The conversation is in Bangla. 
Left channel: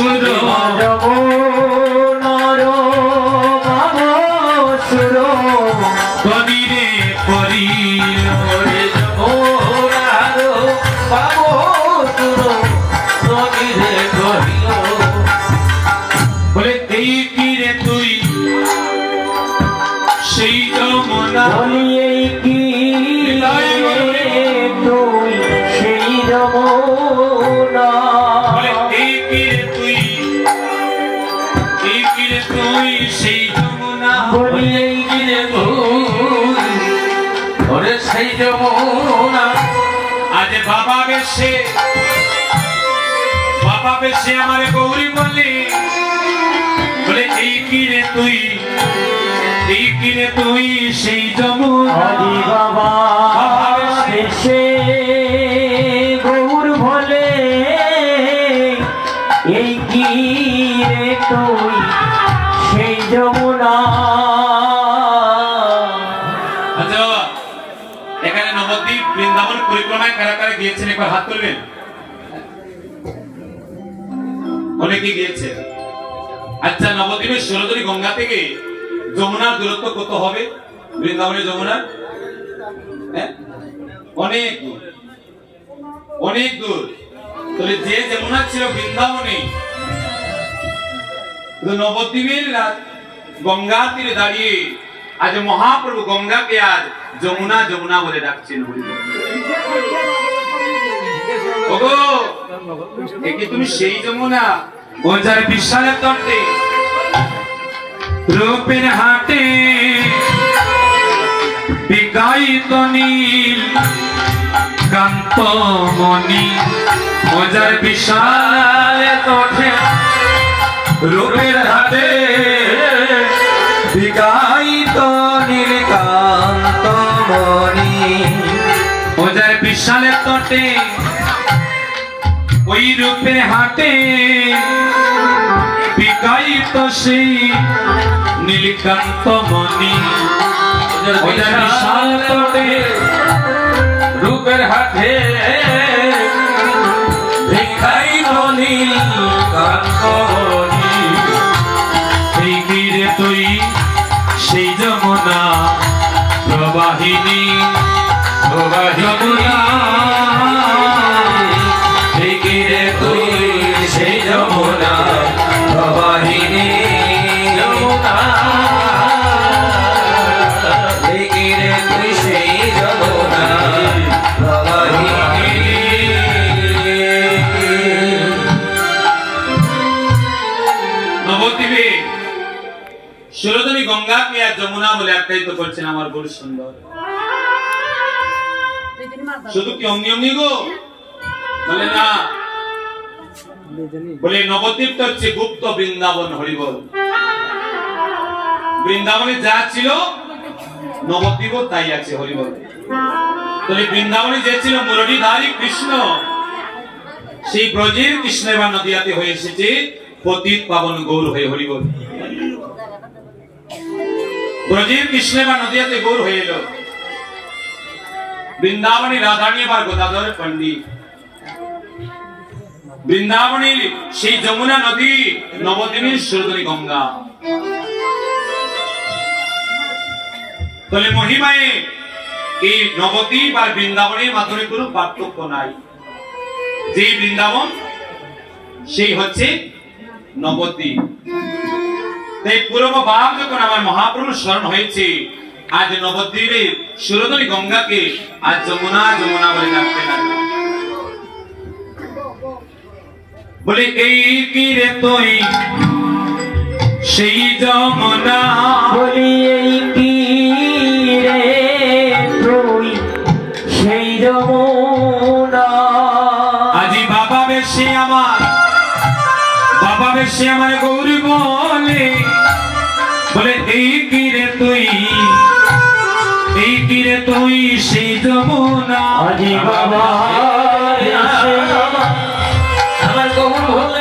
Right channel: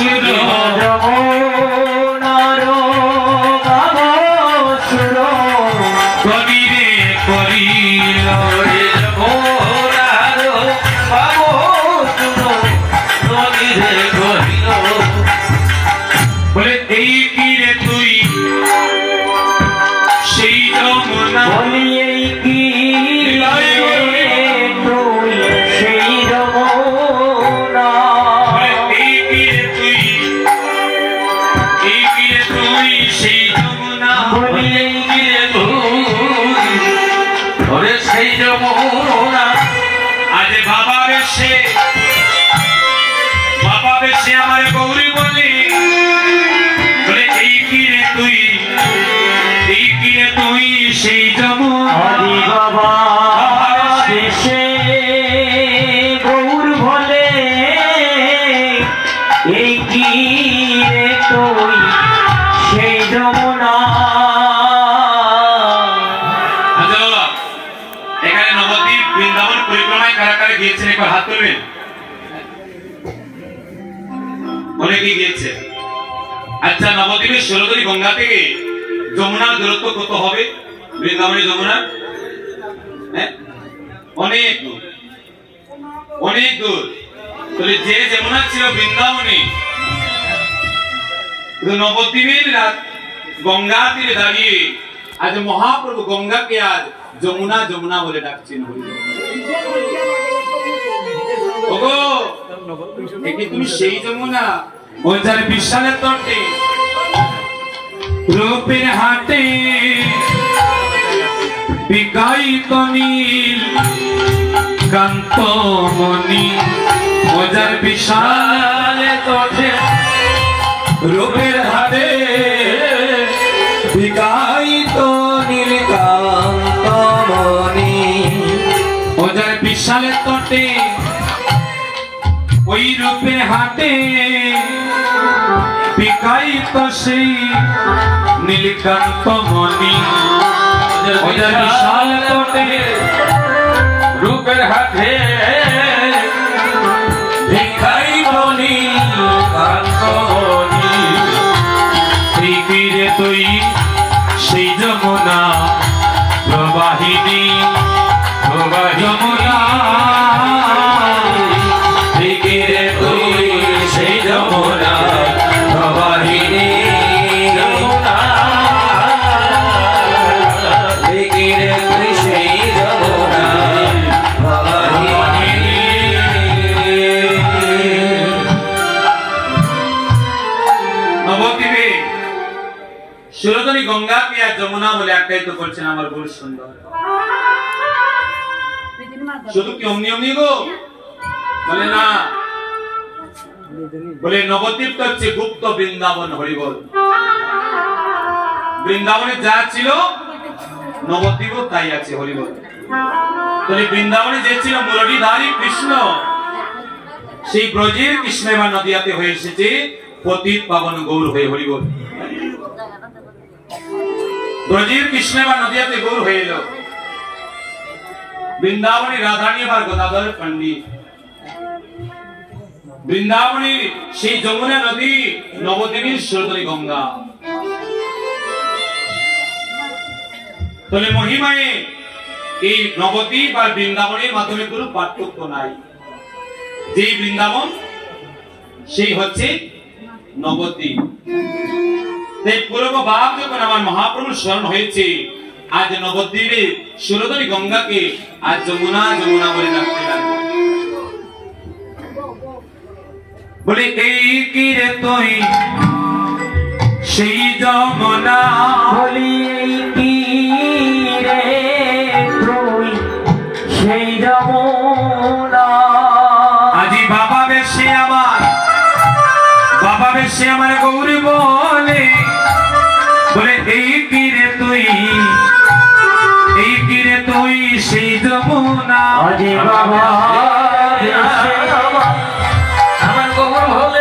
সুর যমুনার ভাব সুর কবি রে করিল যমুনার ভাব সুর কবি রে করিল বলে এই কি রে তুই সেই যমুনা বলি এই কি তুই সেই যমুনা এই কি রে তুই সেই যমুনা বলি এই কি তুই ওরে সেই যমুনা আজ বাবা বেশে আমার গৌরী বলে বলে এই কি রে তুই সেই যমুনা হরি বাবা দেশে গৌর বলে এই কি রে তুই সেই যমুনা এখানে নবদ্বীপ বৃন্দাবন পরিক্রমায় কারা কারা গিয়েছেন একবার হাত তুলবেন অনেকেই গিয়েছে আচ্ছা নবদ্বীপের ষোলতরী গঙ্গা থেকে যমুনার দূরত্ব কত হবে বৃন্দাবনের যমুনা অনেক দূর তাহলে যে যমুনা ছিল বৃন্দাবনে নবদ্বীপের গঙ্গা তীরে দাঁড়িয়ে আজ মহাপ্রভু গঙ্গাকে আজ যমুনা যমুনা বলে ডাকছেন তুমি সেই যমুনা ওজার বিশালের তটে রূপের হাটে বিকায়িত নীল কান্তমণি ওজার বিশালের তটে রূপের হাটে বিকায়িত নীল কান্তমণি ওজার বিশালের তটে ওই রূপে হাটে বিকায়িত সেই নীলকান্ত মণি ওজার বিশাল তটে রূপের হাটে বিকায়িত নীল কান্তমণি এই তীরে তুই সেই যমুনা প্রবাহিনী যমুনা সেই যমুনা প্রবাহিনী যমুনা রে তুই সেই যমুনা প্রবাহিনী নবদ্বীপে ষোলতরী গঙ্গাকে আর যমুনা বলে আখ্যায়িত করছেন আমার বড় সুন্দর শুধু কি অমনি গো বলে না বলে নবদ্বীপ তো হচ্ছে গুপ্ত বৃন্দাবন হরিবল বৃন্দাবনে যা ছিল নবদ্বীপও তাই আছে হরিবল তাহলে বৃন্দাবনে যে ছিল মুরলীধারী কৃষ্ণ সেই ব্রজের কৃষ্ণ এবার নদিয়াতে হয়ে এসেছে পতিত পাবন গৌর হয়ে হরিবল ব্রজের কৃষ্ণ এবার নদিয়াতে গৌর হয়ে এলো বৃন্দাবনী রাধানী এবার গদাধর পণ্ডিত বৃন্দাবনের সেই যমুনা নদী নবদ্বীপের ষোলতরী গঙ্গা তাহলে মহিমায় এই নবদ্বীপ আর বৃন্দাবনের মাধ্যমে কোনো পার্থক্য নাই যে বৃন্দাবন সেই হচ্ছে নবদ্বীপ তাই পূর্ব ভাব যখন আমার মহাপ্রভু স্মরণ হয়েছে আজ নবদ্বীপের ষোলতরী গঙ্গাকে আজ যমুনা যমুনা বলে ডাকতে লাগলো বলে এই কি রে তুই সেই যমুনা বলি এই কি রে তুই সেই যমুনা আজি বাবা বেশে আমার গৌরী বলে বলে এই কি রে তুই সেই যমুনা আজি বাবা আমার গৌর বলে